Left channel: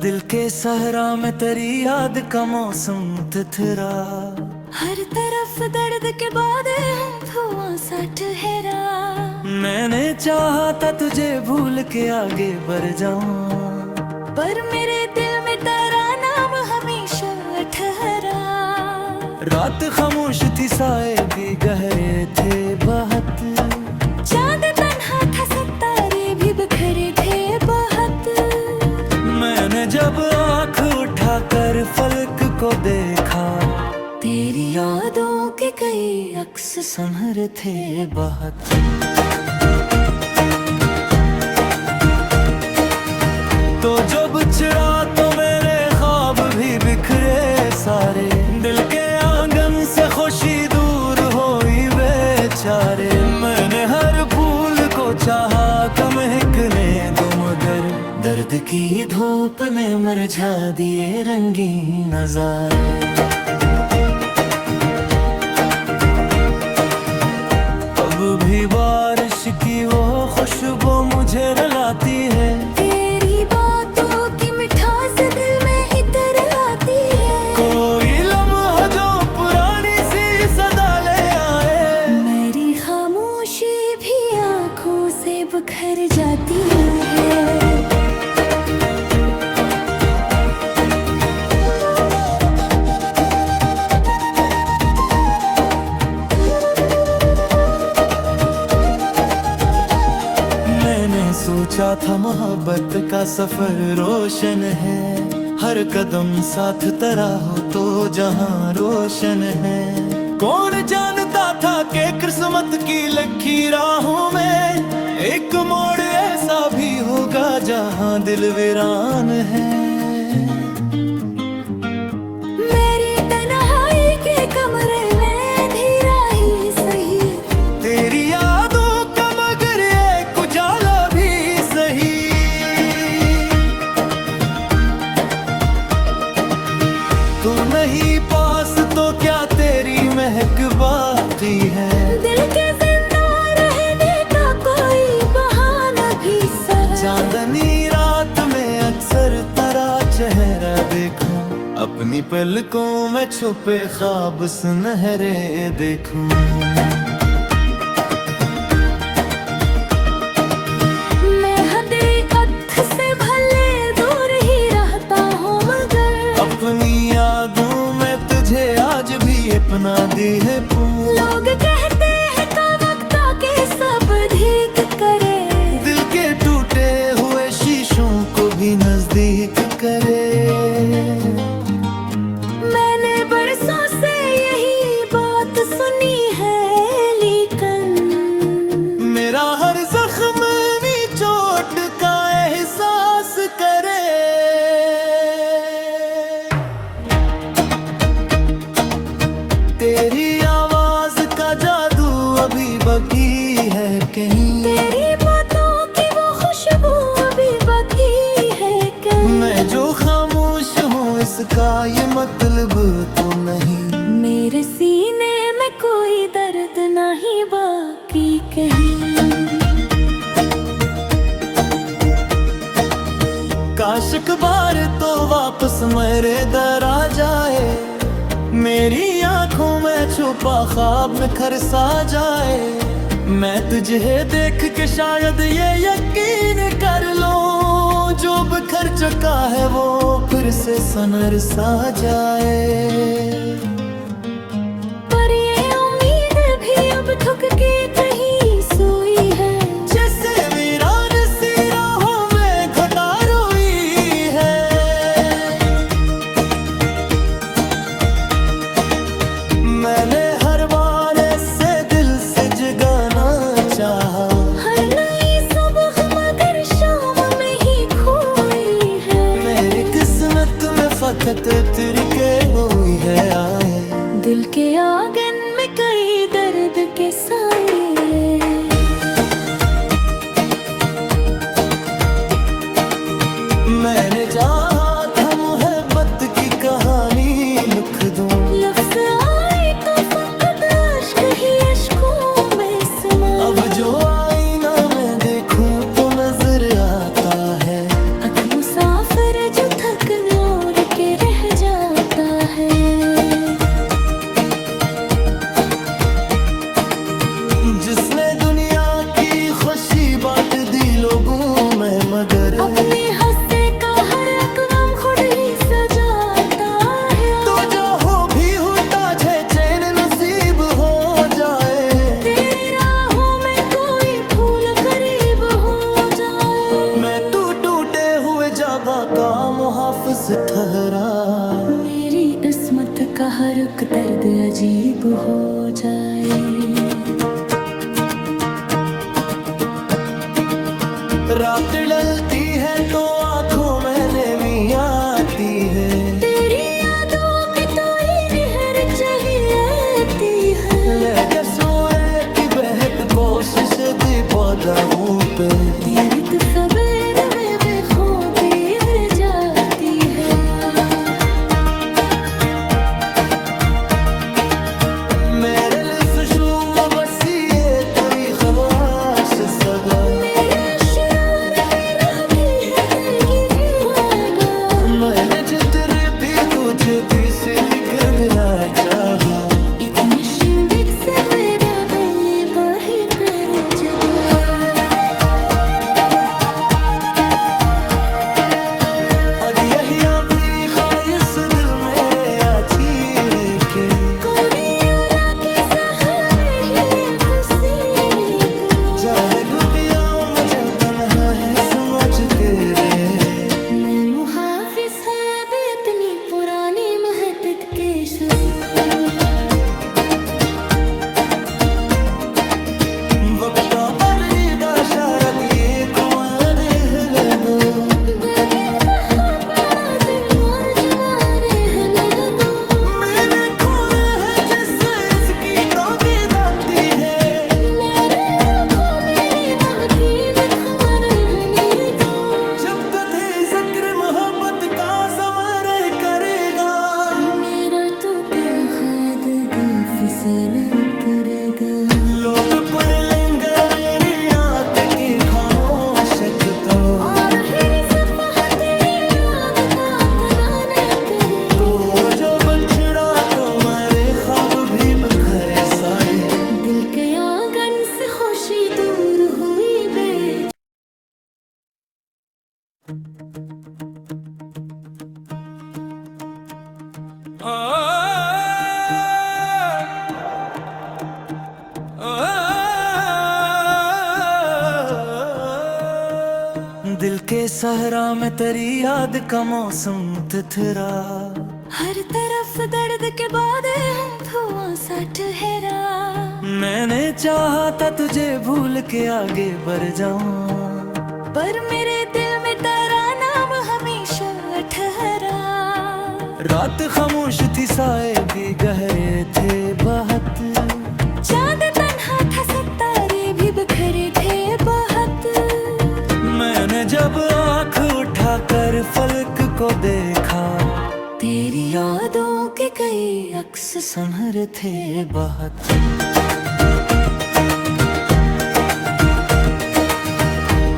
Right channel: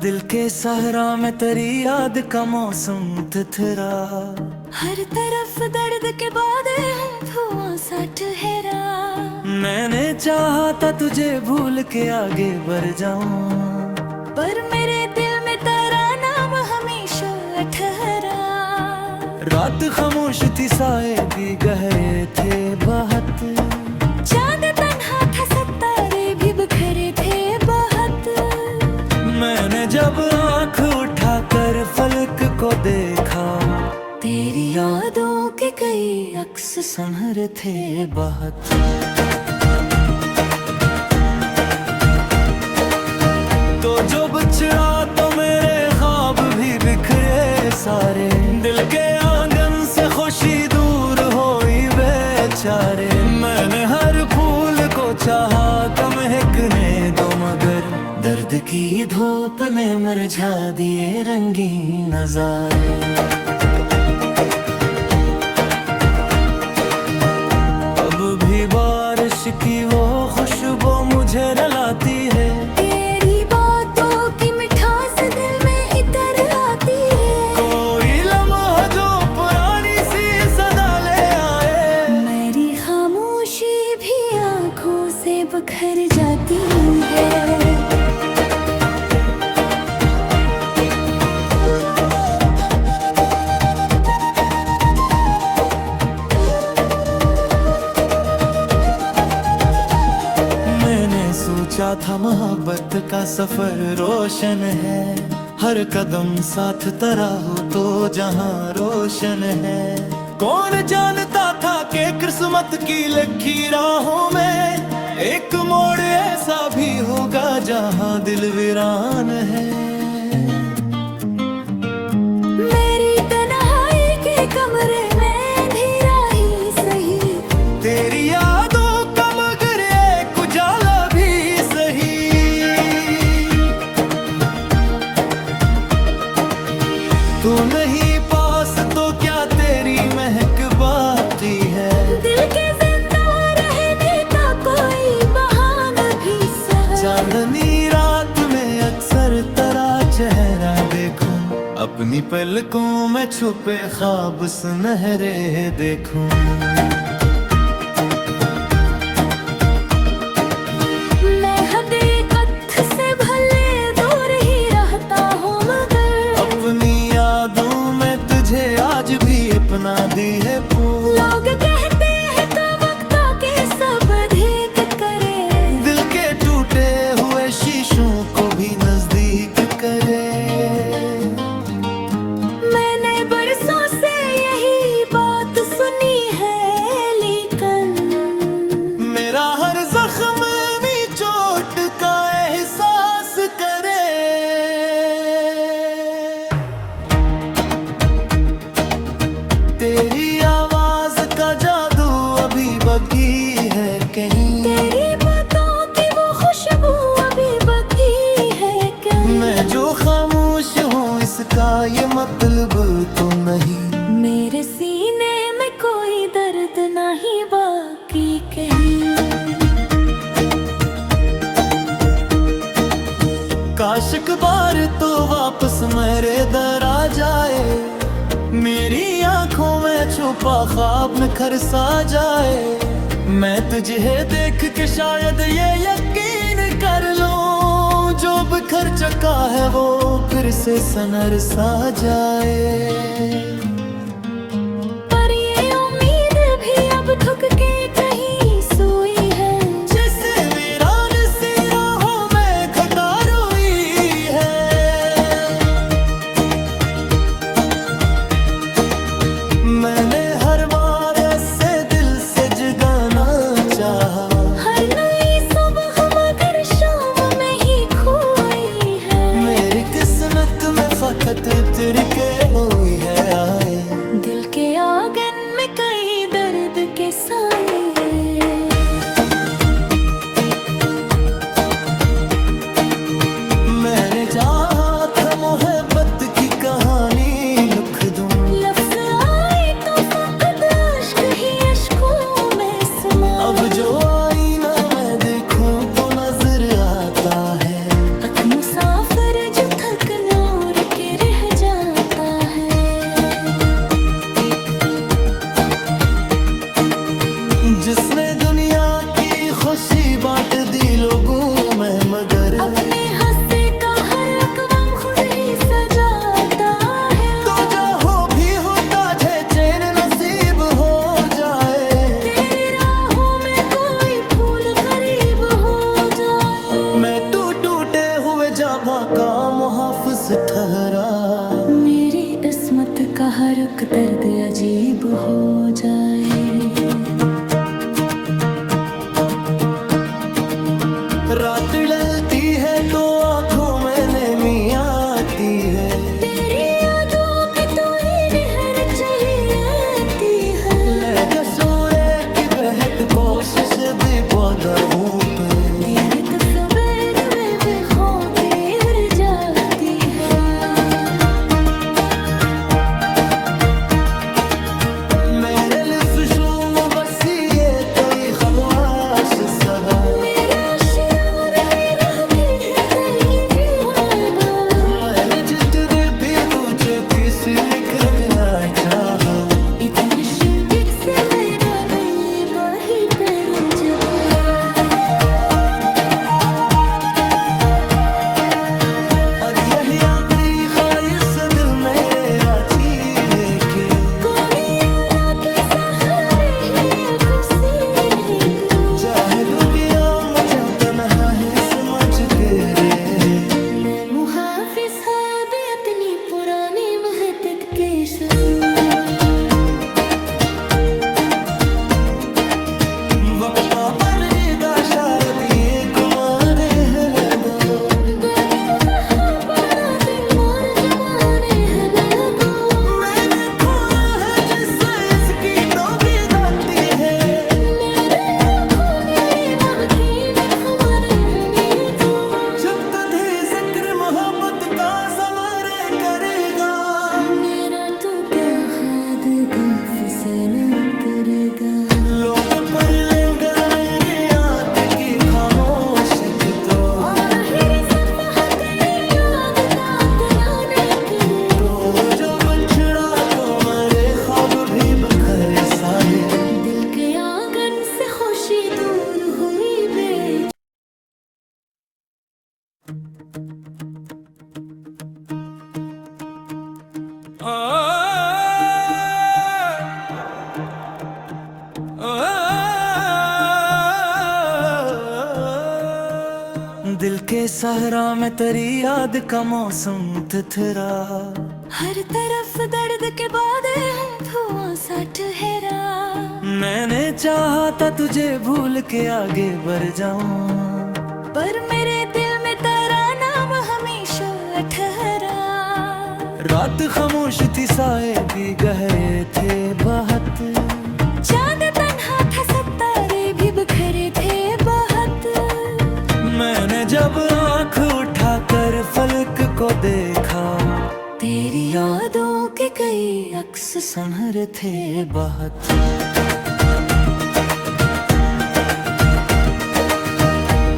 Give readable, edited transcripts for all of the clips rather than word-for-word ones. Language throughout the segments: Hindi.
दिल के सहरा में तेरी याद का मौसम थिथरा, हर तरफ दर्द के बाद धुआं सा ठहरा। मैंने चाहा था तुझे भूल के आगे बढ़ जाऊं, पर मेरे दिल में तेरा नाम हमेशा ठहरा। रात खामोश थी, साए भी गहरे थे बहुत, चांद तन्हा था, सितारे भी बिखरे थे बहुत। मैंने जब आँख उठाकर फलक को देखा, तेरी यादों के कई अक्स संभर थे बहुत। तो जो बिछड़ा तो मेरे ख्वाब भी बिखरे सारे, दिल के आंगन से खुशी दूर होई बेचारे। मैंने हर फूल को चाहा कम महकने दो, मगर दर्द की धूप में मुरझा दिए रंगीन नजारे। अब भी बारिश की वो खुशबू मुझे रुलाती है, तेरी बातों की मिठास दिल में इतर आती है। कोई लम्हा जो पुरानी सी सदा ले आए, मेरी खामोशी भी आंखों से बिखर जाती है। सोचा था मोहब्बत का सफर रोशन है, हर कदम साथ तेरा हो तो जहां रोशन है। कौन जानता था कि किस्मत की लिखी राहों में एक मोड़ ऐसा भी होगा जहां दिल वीरान है। मेरी तन्हाई के कमरे में अंधेरा ही सही, तेरी यादों का मगर एक उजाला भी सही। तू नहीं पास तो क्या तेरी महक बाकी है, दिल के जिंदा रहने का कोई बहाना भी सही। चांदनी रात में अक्सर तेरा चेहरा देखूं, अपनी पलकों में छुपे ख्वाब सुनहरे देखूं। मैं हकीकत से भले दूर ही रहता हूँ, मगर अपनी यादों में तुझे आज भी अपना दी है पूर। लोग कहते हैं तो वक्त के सब ठीक करे, दिल के टूटे हुए शीशों को भी नजदीक करे। मैंने बरसों से यही बात सुनी है, लेकिन मेरा हर जख्म भी चोट का एहसास करे। तेरी आवाज का जादू अभी बाकी है कहीं, तेरी बातों की वो खुशबू अभी बाकी है कहीं। मैं जो खामोश हूँ इसका ये मतलब तो नहीं, मेरे सीने में कोई दर्द नहीं बाकी कहीं। काश एक बार तो वापस मेरे दर आ जाए, मेरी आंखों में छुपा ख्वाब निखर सा जाए। मैं तुझे देख के शायद ये यकीन कर लूं, जो बिखर चुका है वो फिर से सनर सा जाए। पर ये उम्मीद भी अब थक के कहीं सोई है, जैसे वीरान सी राहों में घटा रोई है। मैंने हर बार ऐसे दिल से जगाना चाहा, हर नई सुबह मगर शाम में ही खोई है। मेरी किस्मत में फकत तेरे के हुई है आए, दिल के आंगन में कई दर्द के साए। मैंने चाहा था मोहब्बत की कहानी लिख दूं, लफ्ज़ आए तो फकत अश्क ही अश्कों में समाए। अब जो आईना मैं देखूं तो नजर आता है एक मुसाफिर जो थक नूर के रह जाता है। जिसने दुनिया की खुशी बांट दी लोगों में, मगर अपने हंसे का हर अक़वाम खुद ही सजाता है। तो जो हो भी होता है चैन नसीब हो जाए, तेरी राहों में कोई फूल करीब हो जाए। मैं तू टूटे हुए जाबा का मुहाफिज ठहरा, मेरी किस्मत का हर एक दर्द अजीब हो जाए। रात ढलती है तो आंखों में नमी आती है, तेरी यादों की तो ही निहर चाहिए है। लेकर सूरज की बहक कोशिश दी पौधा पे, तेरी तो सवेरे में बेखौफी गिर जाती है। मेरे लिफ्शूम बसिए कोई खवास सदा, मेरा शरार मेरा की है तेरी दीवार। मैंने जितने भी तुझे पीस लिख दिया चाहा, इतने शिंदित से मेरा दिल बाही पे रुझगा। अब यही अभी ख्वाहिश दिल मेरे आती है कि कोई आला के सहारे ही ये पसीने को। चाहे दुनिया मुझे तन्हा है समझ के रे, मैं मुहाफिज है भी इतनी पुरानी महतत के शफ़ीर। वक्त बदलेगा शारद ये तुम्हारे हिल दो, बेबी कहाँ पड़ा दिल मोर जमाने हिला दो। मैंने खोया है जिससे इसकी डोगी दाती है, मेरे खोले मन की खबर हनी दो। जब तुझे जिक्र मोहब्बत का समर करेगा, मेरा तो क्या हद फिसना करेगा। लोग पढ़ लेंगे मेरी याद की खामोशक तो, और हिरे सफ़ा तेरी याद का तराने करे। तो जो बछड़ा तो मेरे ख्वाब भी बखरे सारे, दिल के आंगन से खुशी दूर हुई बेच। दिल के सहरा में तेरी याद का मौसम तिथरा, हर तरफ दर्द के बाद धुआं सा ठहरा। मैंने चाहा था तुझे भूल के आगे बढ़ जाऊं, पर मेरे दिल में तेरा नाम हमेशा ठहरा। रात खामोश थी साए भी गहरे थे बहुत, चांद तन्हा था सितारे भी बिखरे थे बहुत। मैंने जब आँख उठाकर फलक को देखा, तेरी यादों के कई अक्स संभर थे बहुत।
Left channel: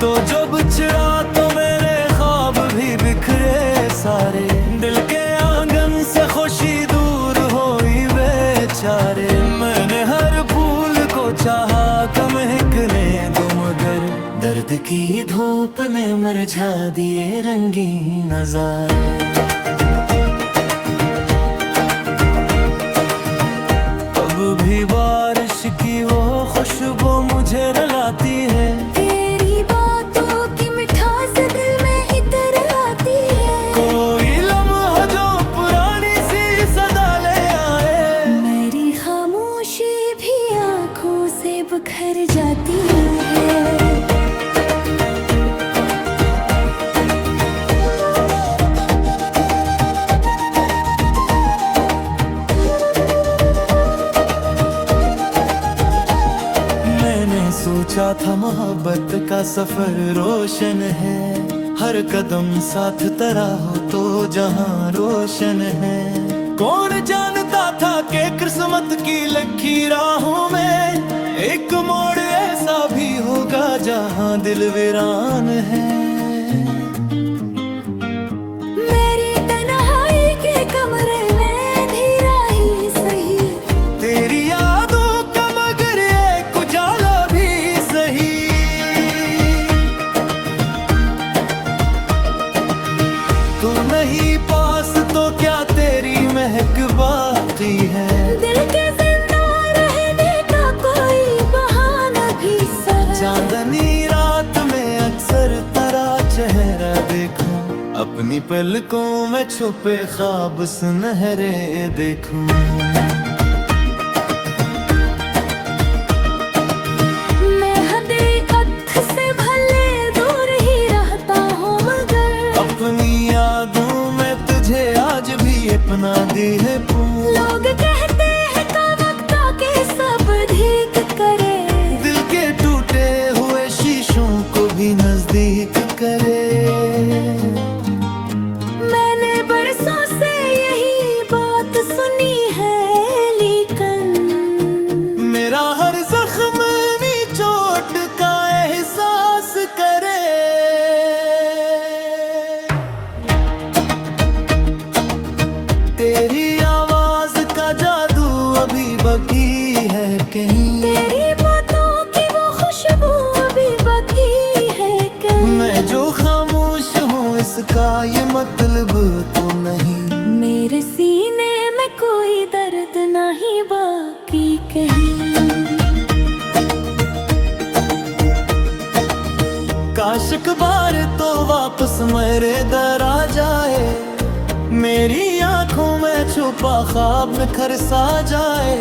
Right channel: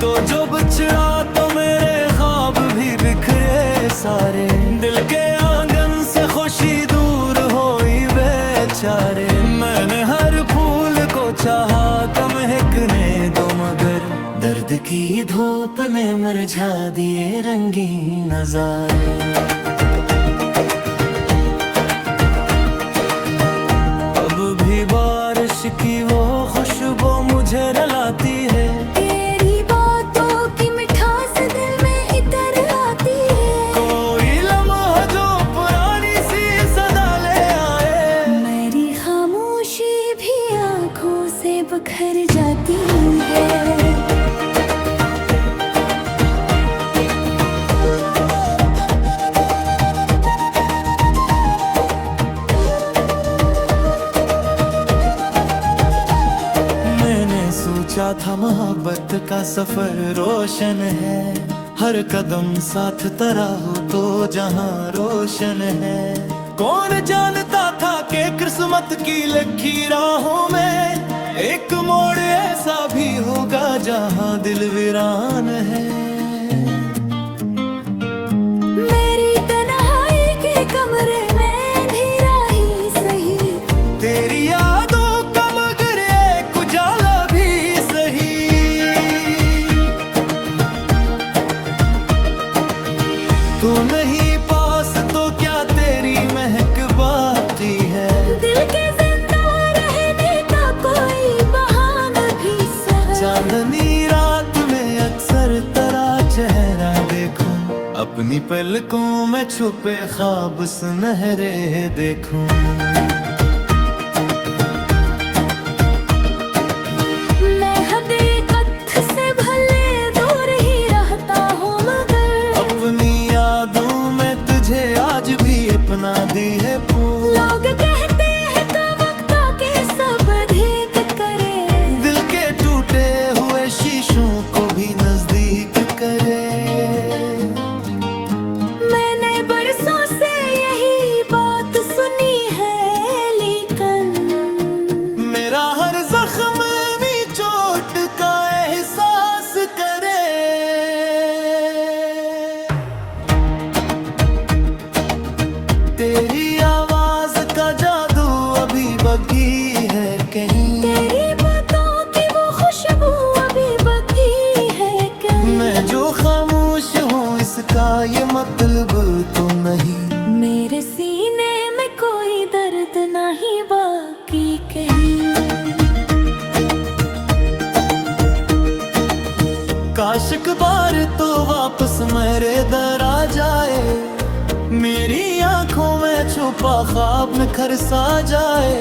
तो जो बिछड़ा तो मेरे ख्वाब भी बिखरे सारे, दिल के आंगन से खुशी दूर होई बेचारे। मैंने हर फूल को चाहा कम महकने दो, मगर दर्द की धूप में मुरझा दिए रंगीन नज़ारे। अब भी बारिश की वो खुशबू मुझे रुलाती है, तेरी बातों की मिठास दिल में इतर आती है। कोई लम्हा जो पुरानी सी सदा ले आए, मेरी खामोशी भी आंखों से बिखर जाती है। सोचा था मोहब्बत का सफर रोशन है, हर कदम साथ तेरा हो तो जहां रोशन है। कौन जानता था कि किस्मत की लिखी राहों में एक मोड़ ऐसा भी होगा जहां दिल वीरान है। मेरी तन्हाई के कमरे में अंधेरा ही सही, तेरी यादों का मगर एक उजाला भी सही। तू नहीं पास तो क्या तेरी महक बाकी है। दिल के जिंदा रहने का कोई बहाना भी सही। चांदनी रात में अक्सर तेरा चेहरा देखूं, अपनी पलकों में छुपे ख्वाब सुनहरे देखूं। मैं हकीकत से भले दूर ही रहता हूँ मगर अपनी यादों में तुझे आज भी अपना दी है पूर। लोग कहते हैं का वक्त आके सब ठीक करे, दिल के टूटे हुए शीशों को भी नजदीक करे। मैंने बरसों से यही बात सुनी है, लेकिन मेरा हर जख्म भी चोट का एहसास करे। तेरी आवाज का जादू अभी बाकी है कहीं, तेरी बातों की वो खुशबू अभी बाकी है कहीं। मैं जो खामोश हूँ इसका ये मतलब तो नहीं। मेरे सीने में कोई दर्द नहीं बाकी कहीं। काश एक बार तो वापस मेरे दर आ जाए, मेरी आंखों में छुपा ख्वाब निखर सा जाए।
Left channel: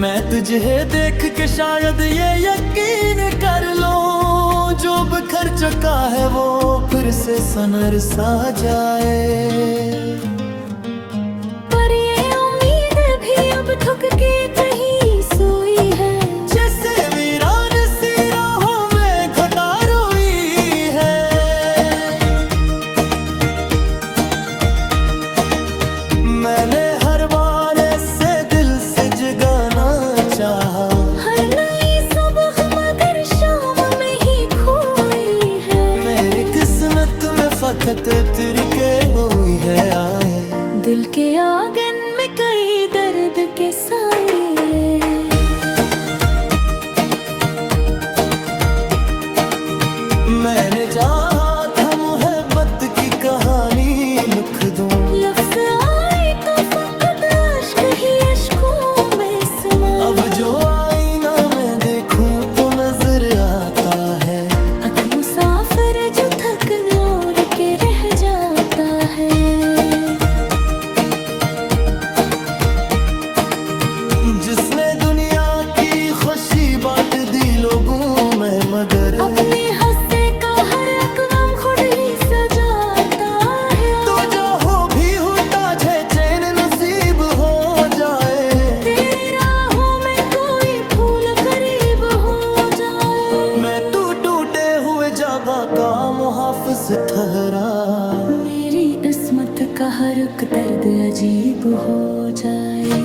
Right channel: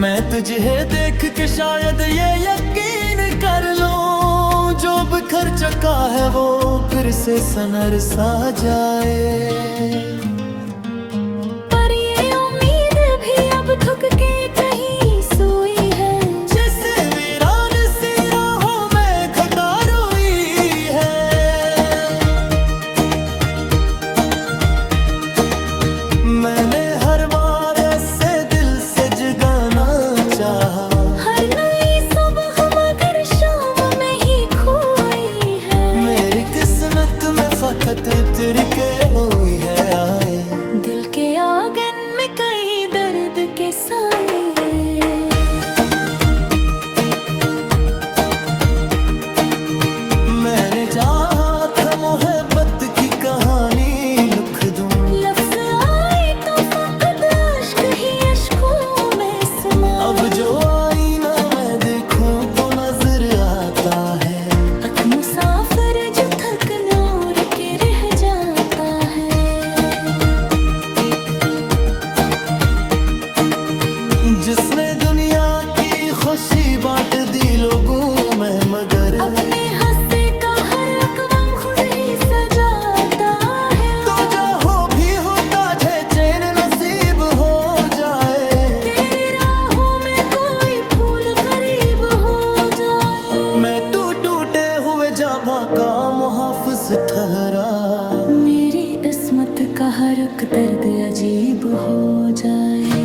मैं तुझे देख के शायद ये यकीन कर लूं, जो बिखर चुका है वो फिर से सनर सा जाए। पर ये उम्मीद भी अब थक के कहीं सोई है, जैसे वीरान सी राहों में घटा रोई है। मैंने हर बार ऐसे दिल से जगाना चाहा, हर नई सुबह मगर शाम में ही खोई है। मेरी किस्मत में फकत तिरके हुई है आए। दिल के आंगन में कई दर्द के साए। मैंने चाहा था मोहब्बत की कहानी लिख दूं, लफ्ज़ आए तो फकत अश्क ही अश्कों में समाए। अब जो आईना मैं देखूं तो नजर आता है एक मुसाफिर जो थक नूर के रह जाता है। जिसने दुनिया की खुशी बांट दी लोगों में, मगर अपने हंसे का हर अक़वाम खुद ही सजाता है। तो जो हो भी होता है चैन नसीब हो जाए। तेरी राहों में कोई फूल करीब हो जाए। मैं तू टूटे हुए जाबा का मुहाफिज ठहरा, मेरी किस्मत का हर एक दर्द अजीब हो जाए।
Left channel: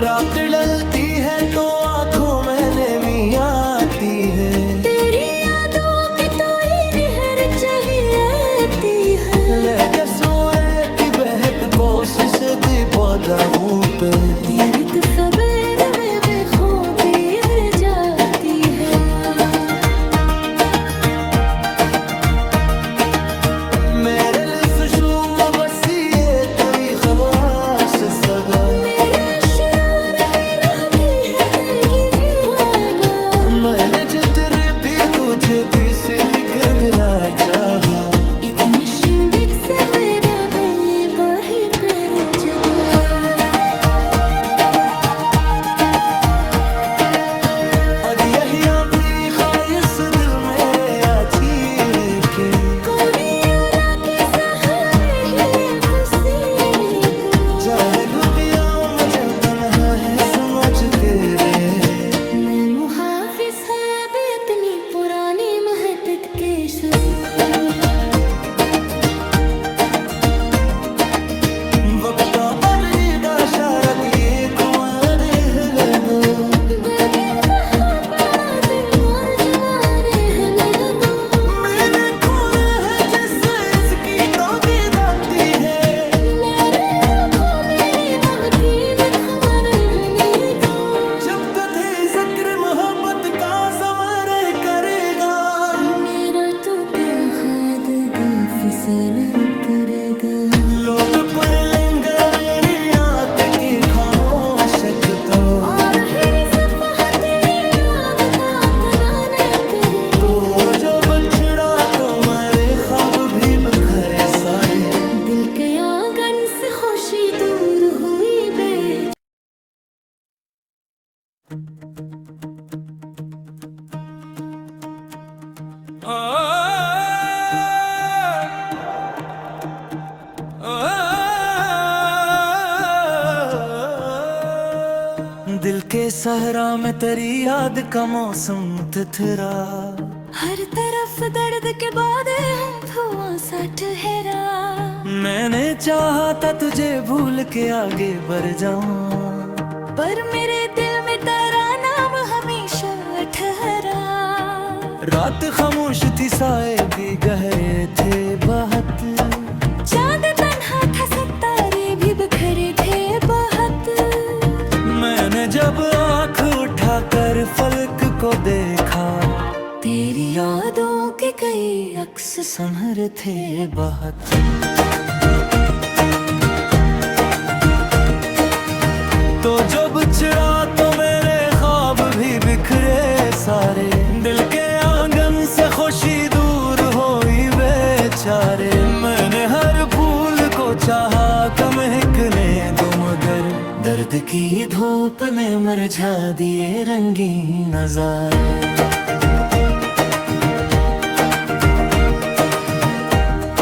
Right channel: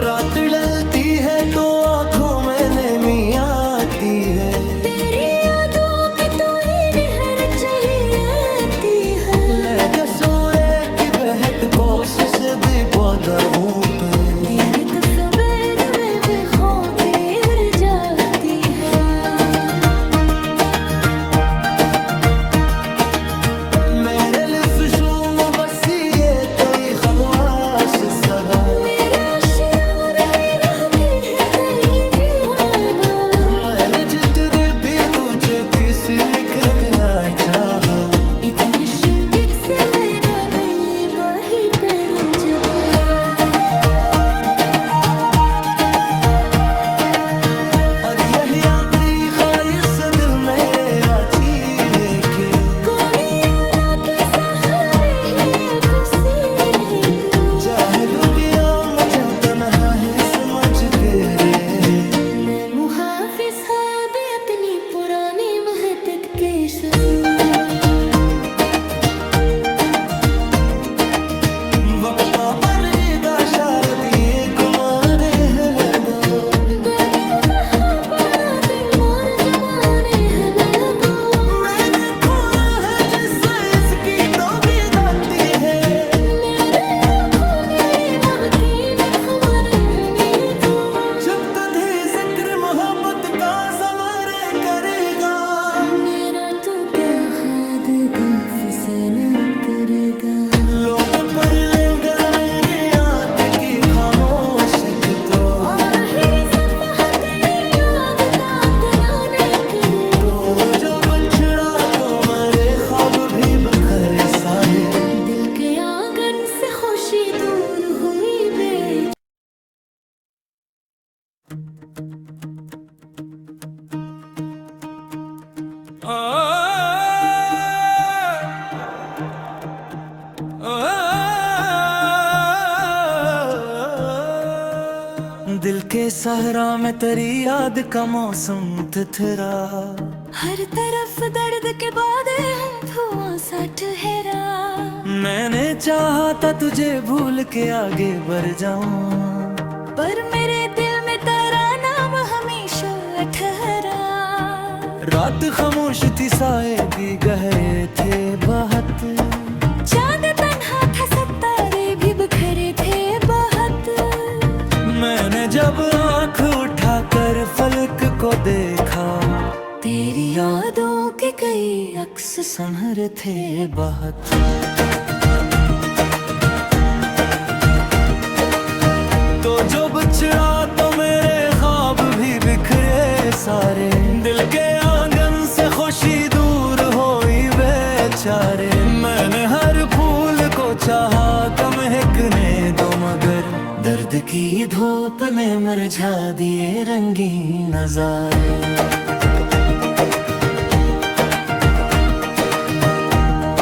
रात ढलती है तो आंखों में नमी आती है, तेरी यादों की तो ही निहर चाहिए है। लेके सूर्य की बहत कोशिश भी पौधों पे, तेरी तो सवेरे में बेखौफी गिर जाती है। मेरे लिफ्शू में बसी है कोई खवास सदा, मेरा शरार मेरा की है तेरी वादा। मैंने जितने भी तुझे पीस लिख देना चाहा, एक नशिंदित से मेरा दिल वही पे रुझ गया। अब यही अभी ख्वाहिश दिल मेरे आती है कि कोरिया के सहारे ही पसीने को चाहे दुनिया मुझे तन्हा है समझ के रे। मैं मुहाफिज है पुरानी महत्त के सूर। वक्ता बदली दा शारद ये कुमारे है दो बेबी कहा पाना दिल मोर जमाने हले दो। मैंने खोया है जिससे इसकी डोगी दाती है मेरे फूले बहतीन खमन हले दो। जब तुझे जिक्र मोहब्बत का समर करेगा मेरा तू क्या खाद फिसन करेगा। लोग पढ़ लेंगे मेरी याद की खामोशक तो और हिरी सफा तेरी याद का तराने करे। तो जो बछड़ा तो मेरे ख्वाब भी बिखरे सारे। दिल के आंगन से खुशी दूर हुई बेच। दिल के सहरा में तेरी याद का मौसम तिथरा। हर तरफ दर्द के बाद धुआं सा ठहरा। मैंने चाहा था तुझे भूल के आगे बढ़ जाऊं पर मेरे दिल में तेरा नाम हमेशा ठहरा। रात खामोश थी साए भी गहरे थे बहुत। चांद तन्हा था सितारे भी बिखरे थे बहुत। मैंने जब आंख उठाकर फलक को देखा तेरी यादों के कई अक्स संभर थे बहुत। तो जो बिछड़ा तो मेरे ख्वाब भी बिखरे सारे। दिल के आंगन से खुशी दूर होई बेचारे। मैंने हर फूल को चाहा कम महकने दो मगर दर्द की धूप ने मुरझा दिए रंगीन नजारे।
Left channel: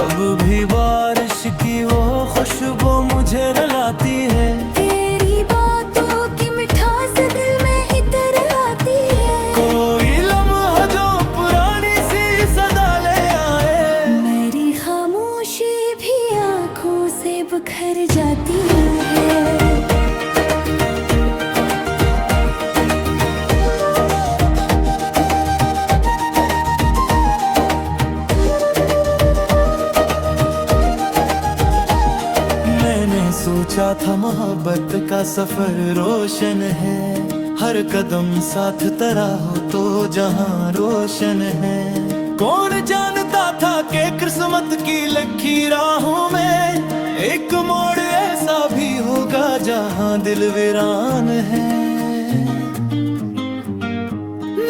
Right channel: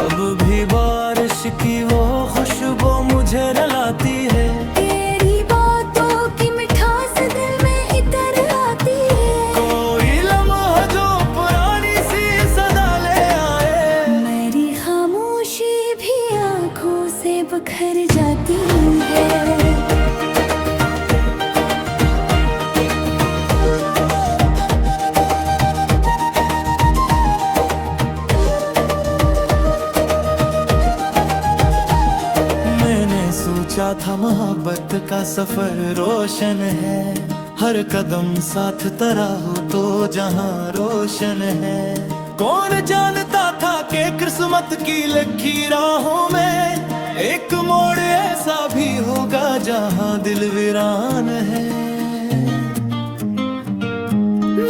अब भी बारिश की वो खुशबू मुझे रुलाती है। तेरी बातों की मिठास दिल में इतर आती है। कोई लम्हा जो पुरानी सी सदा ले आए। मेरी खामोशी भी आंखों से बिखर जाती है। सोचा था मोहब्बत का सफर रोशन है। हर कदम साथ तेरा हो तो जहां रोशन है। कौन जानता था कि किस्मत की लिखी राहों में एक मोड़ ऐसा भी होगा जहां दिल वीरान है।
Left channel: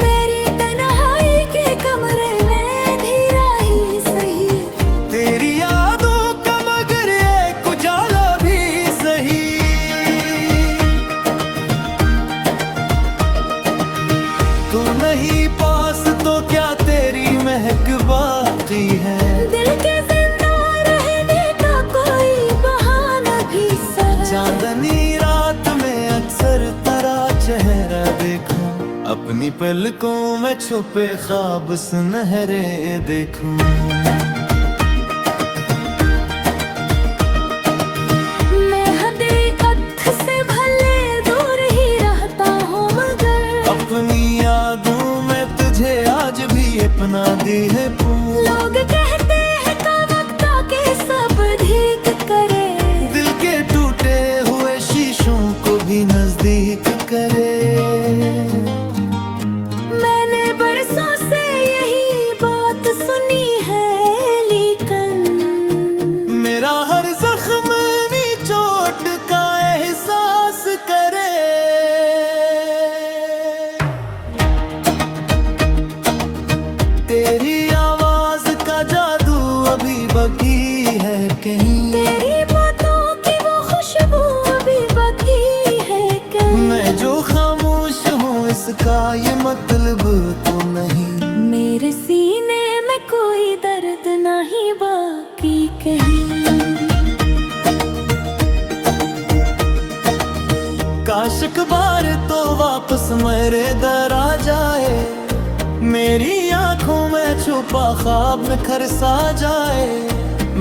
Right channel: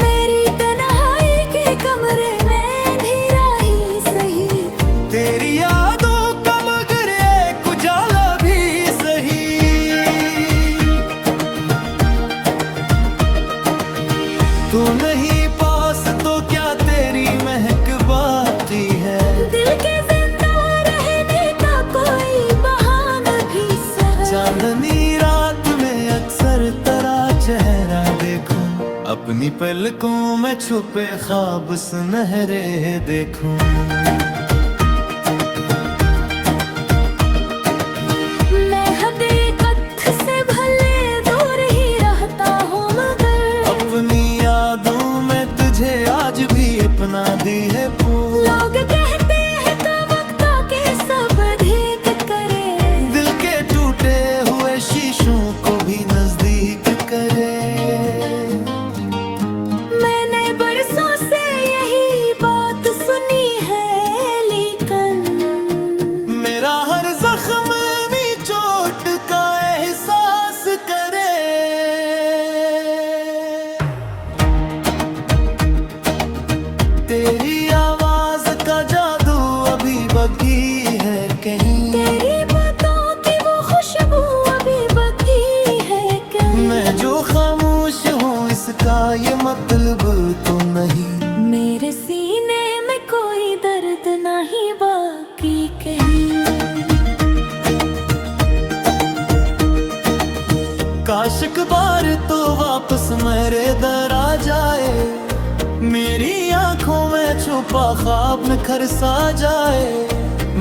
मेरी तन्हाई के कमरे में अंधेरा ही सही। तेरी यादों का मगर एक उजाला भी सही। तू नहीं पास तो क्या तेरी महक बाकी है। दिल के जिंदा रहने का कोई बहाना भी सही। चांदनी रात में अक्सर तेरा चेहरा देखूं। अपनी पलकों में छुपे ख्वाब सुनहरे देखूं। मैं हकीकत से भले दूर ही रहता हूँ मगर अपनी यादों में तुझे आज भी अपना दी है पूर। लोग कहते हैं तो वक्त के सब ठीक करे। दिल के टूटे हुए शीशों को भी नजदीक करे। मैंने बरसों से यही बात सुनी है लेकिन मेरा हर जख्म भी चोट का एहसास करे। तेरी आवाज का जादू अभी बाकी है कहीं। तेरी बातों की वो खुशबू अभी बाकी है कहीं। मैं जो खामोश हूँ इसका ये मतलब तो नहीं। मेरे सीने में कोई दर्द नहीं बाकी कहीं। काश एक बार तो वापस मेरे दर आ जाए। मेरी आंखों में छुपा ख्वाब निखर सा जाए,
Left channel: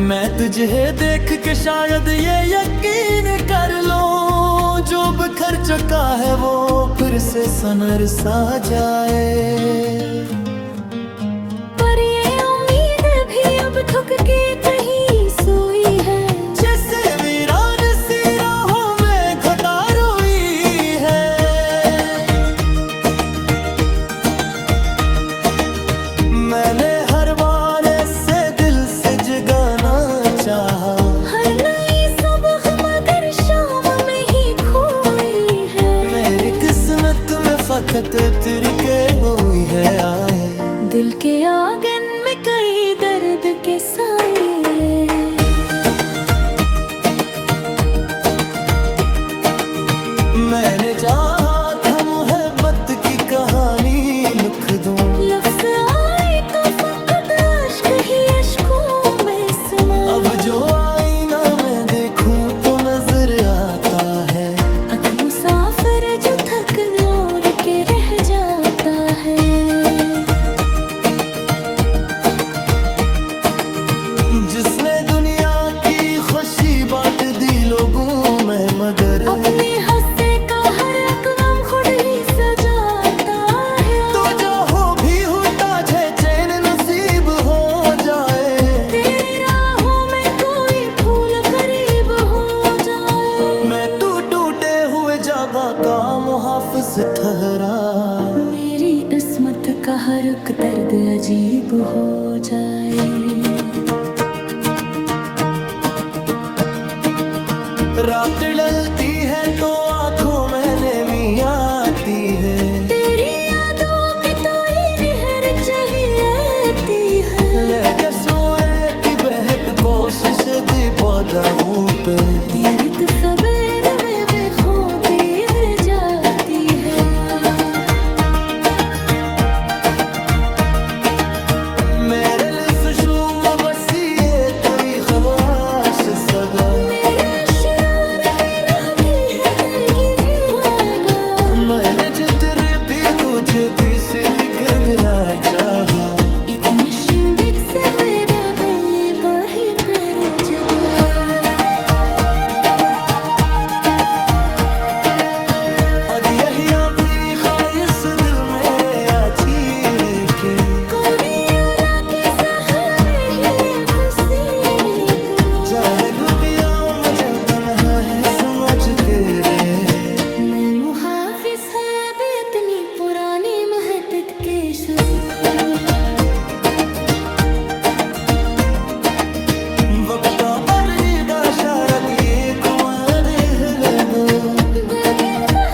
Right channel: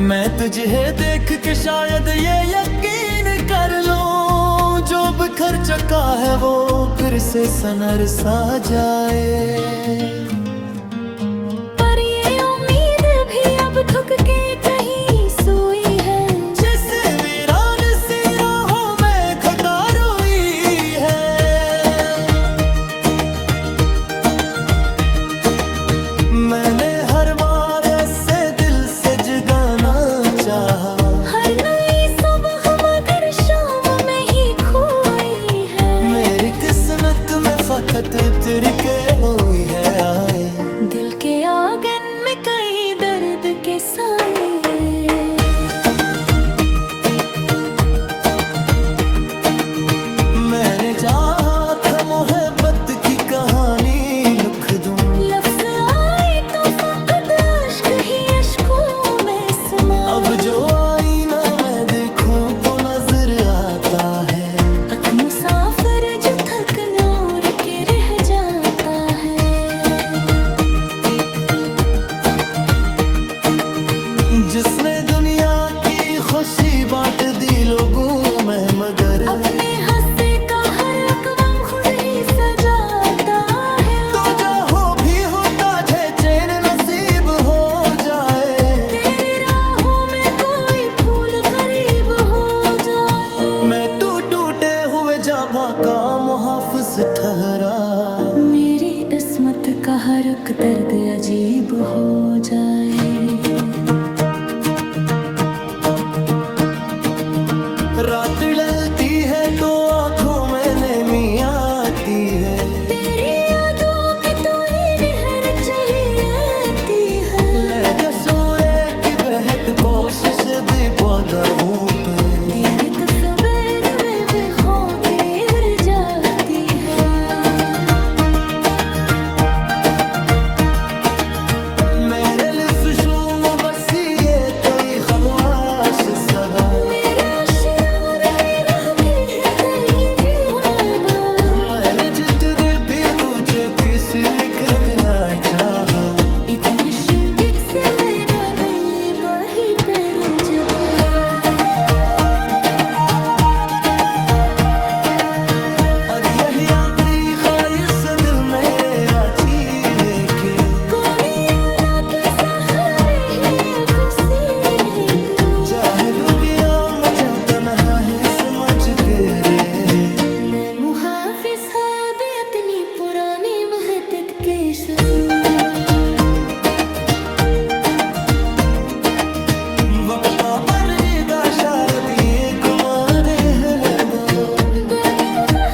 मैं तुझे देख के शायद ये यकीन कर लूं, जो बिखर चुका है वो फिर से सनर सा जाए। पर ये उम्मीद भी अब थक के कहीं सोई है, जैसे वीरान सी राहों में घटा रोई है। मैंने हर बार ऐसे दिल से जगाना चाहा, हर नई सुबह मगर शाम में ही खोई है। मेरी किस्मत में फकत तिरके हुई है आए, दिल के आंगन में कई दर्द के साए। मैंने चाहा था मोहब्बत की कहानी लिख दूं, लफ्ज़ आए तो फकत अश्क ही अश्कों में समा। अब जो आईना मैं देखूं तो नजर आता है, एक मुसाफिर जो थक नूर के रह जाता है। जिसने दुनिया की खुशी बांट दी लोगों में, मगर अपने हंसे का हर रकम खुद ही सजाता है। तो जो हो भी होता है चैन नसीब हो जाए, तेरी राहों में कोई फूल करीब हो जाए। मैं तू टूटे हुए जाबा का मुहाफिज ठहरा, मेरी किस्मत का हर एक दर्द अजीब हो जाए। रात ढलती है तो आंखों में नमी आती है, तेरी यादों की तो ही नहर चाहिए है। लेके सूर्य की बहत कोशिश दी पौधा पे, तेरी तो सवेर में बेखौफी गिर जाती है। मेरे लिफ्ट शुम बसिए कोई खवास सदा, मेरा शरार मेरा की है तेरी विवादा। मैंने जितने भी तुझे पीस लिख देना चाहा, इतने शिंदित से मेरा दिल बही पर जबा। अब यही अभी ख्वाहिश दिल मेरे आती है कि कोरियाला के सहारे ही ये पसीने को। चाहे दुनिया मुझे तन्हा है समझ के रे, मैं मुहाफिज है भी इतनी पुरानी महतत के शसूर। वक्त का बदरीदा शारद ये कुमारे है दो, बेगीदा